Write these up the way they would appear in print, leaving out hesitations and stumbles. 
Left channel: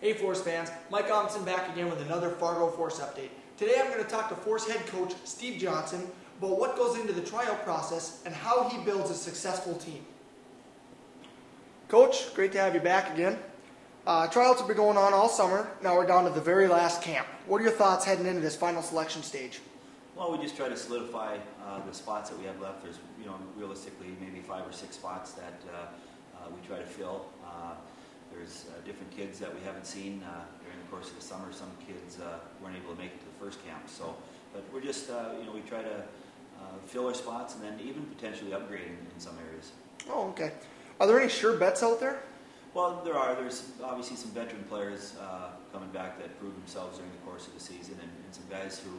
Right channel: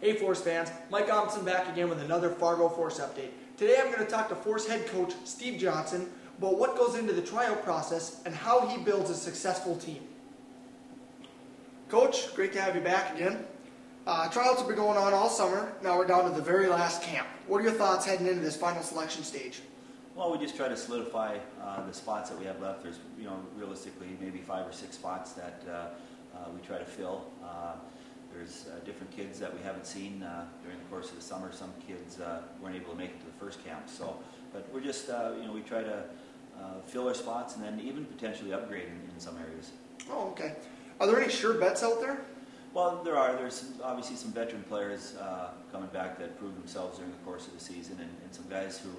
Hey Force fans, Mike Amundson back again with another Fargo Force update. Today I'm going to talk to Force head coach Steve Johnson about what goes into the tryout process and how he builds a successful team. Coach, great to have you back again. Tryouts have been going on all summer. Now we're down to the very last camp. What are your thoughts heading into this final selection stage? Well, we just try to solidify the spots that we have left. There's, realistically maybe 5 or 6 spots that we try to fill. There's different kids that we haven't seen during the course of the summer. Some kids weren't able to make it to the first camp. So, but we're just, we try to fill our spots and then even potentially upgrade in some areas. Oh, okay. Are there any sure bets out there? Well, there are. There's obviously some veteran players coming back that proved themselves during the course of the season, and some guys who,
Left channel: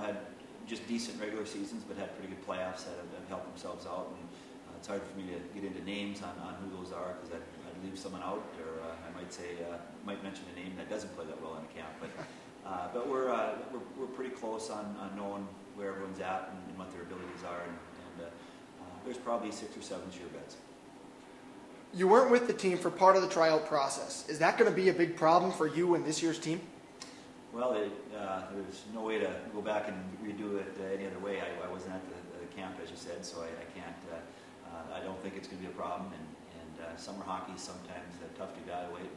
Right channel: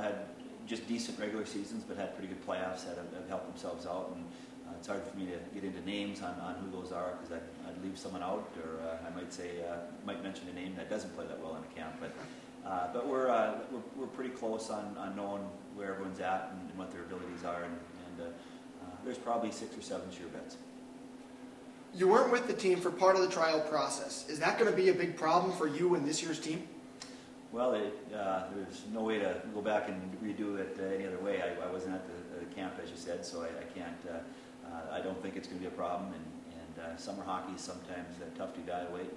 had just decent regular seasons, but had pretty good playoffs that have helped themselves out. And it's hard for me to get into names on who those are because I'd leave someone out, or I might say might mention a name that doesn't play that well in a camp. But we're pretty close on knowing where everyone's at and what their abilities are, and there's probably 6 or 7 sure bets. You weren't with the team for part of the tryout process. Is that going to be a big problem for you and this year's team? Well, there's no way to go back and redo it any other way. I wasn't at the camp, as you said, so I can't. I don't think it's going to be a problem. And summer hockey is sometimes tough to evaluate.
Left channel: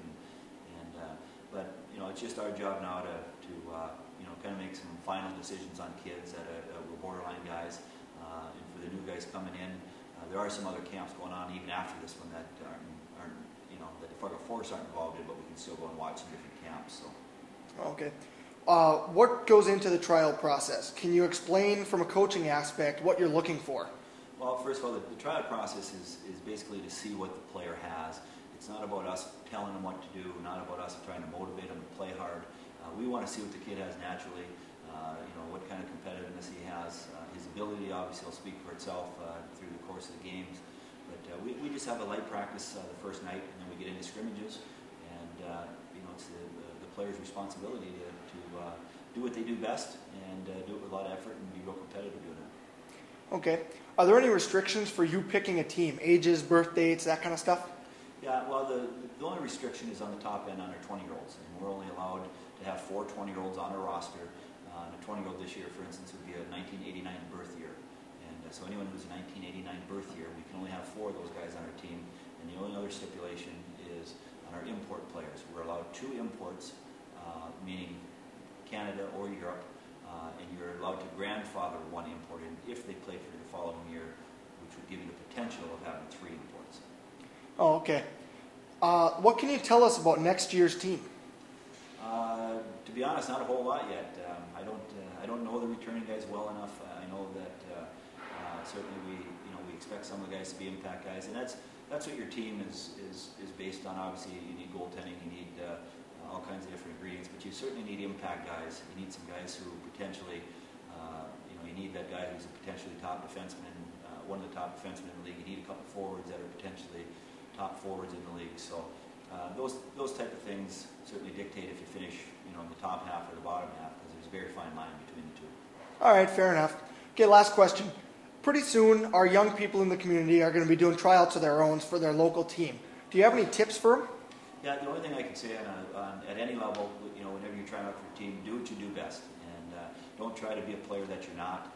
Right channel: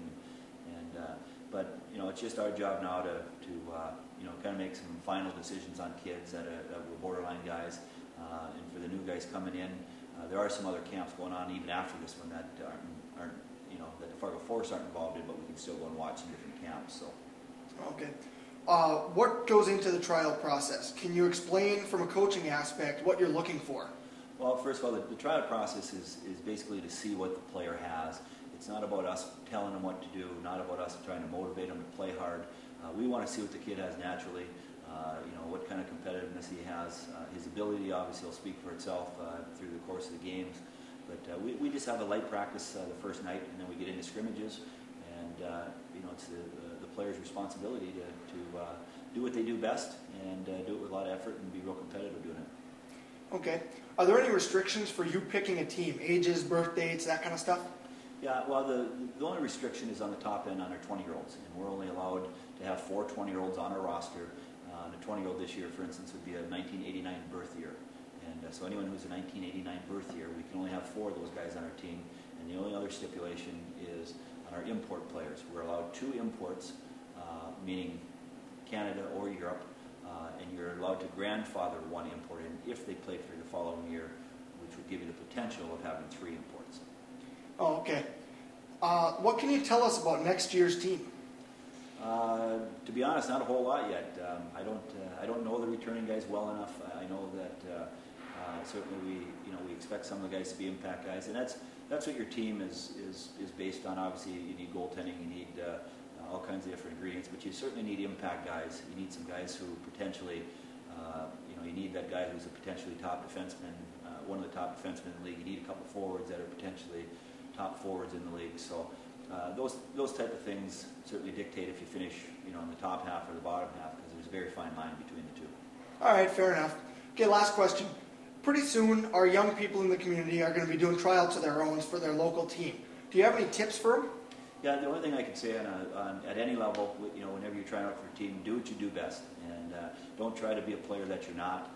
But it's just our job now to kind of make some final decisions on kids that were borderline guys, and for the new guys coming in. There are some other camps going on even after this one that aren't that the Fargo Force aren't involved in, but we can still go and watch some different camps. So. Okay. What goes into the tryout process? Can you explain from a coaching aspect what you're looking for? Well, first of all, the tryout process is basically to see what the player has. It's not about us telling them what to do, not about us trying to motivate them to play hard. We want to see what the kid has naturally, what kind of competitiveness he has. His ability obviously will speak for itself through the course of the games. But we just have a light practice the first night, and then we get into scrimmages. And it's the player's responsibility to do what they do best and do it with a lot of effort and be real competitive doing it. Okay. Are there any restrictions for you picking a team? Ages, birth dates, that kind of stuff? Yeah, well, the only restriction is on the top end on our 20-year-olds, and we're only allowed to have 4 20-year-olds on our roster. And a 20-year-old this year, for instance, would be a 1989 birth year. And so anyone who's a 1989 birth year, we can only have 4 of those guys on our team. And the only other stipulation is on our import players. We're allowed 2 imports, meaning Canada or Europe, and you're allowed to grandfather 1 import in if they played for you the following year, which would give you the potential of having 3 imports. Oh, okay. What can you tell us about next year's team? To be honest, not a whole lot yet. I don't know the returning guys well enough. I know that certainly we expect some of the guys to be impact guys, and that's what your team is based on. Obviously, you need goaltending, you need all kinds of different ingredients, but you certainly need impact guys. You need some guys who potentially, you need that guy who's a potentially top defenseman, one of the top defensemen in the league. You need a couple forwards that are potentially top forwards in the league. So those type of things certainly dictate if you finish, in the top half or the bottom half, because there's a very fine line between the two. All right, fair enough. Okay, last question. Pretty soon, our young people in the community are going to be doing tryouts of their own for their local team. Do you have any tips for them? Yeah, the only thing I can say at any level, whenever you're trying out for a team, do what you do best, and don't try to be a player that you're not.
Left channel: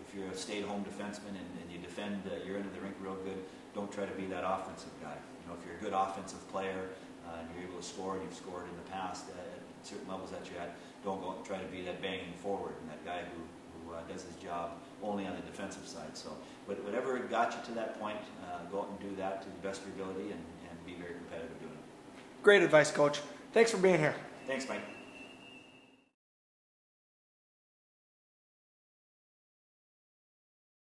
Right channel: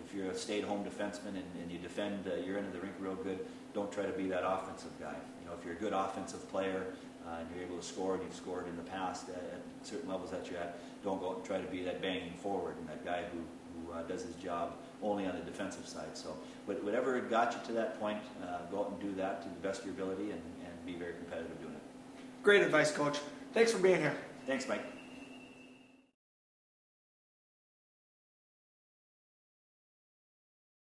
If you're a stay-at-home defenseman and you defend your end of the rink real good, don't try to be that offensive guy. If you're a good offensive player and you're able to score, and you've scored in the past at certain levels that you're at, don't go and try to be that banging forward and that guy who does his job only on the defensive side. So whatever got you to that point, go out and do that to the best of your ability and be very competitive doing it. Great advice, Coach. Thanks for being here. Thanks, Mike.